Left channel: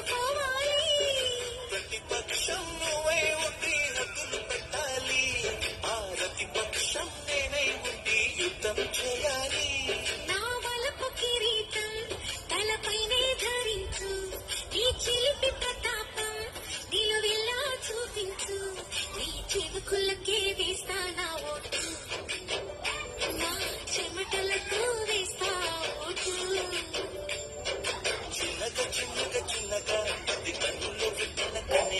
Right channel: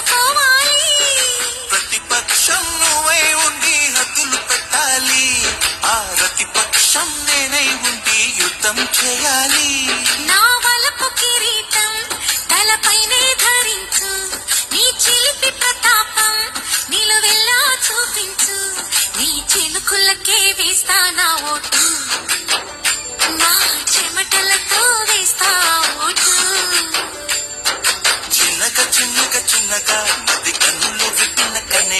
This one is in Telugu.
అందుకోవాలి. ప్రతిపక్షం నువ్వై ఉండి హద్దులు పెట్టాలి, ఆ ప్రతిపక్షం నేనై ఉండి యుద్ధం చేయాలి. నా వలపు కిరీటం తలపైనే ధరించు, నీ చిలిపి ప్రతాపం నిలువెల్లా చూపించు, నీ చిలుకులకే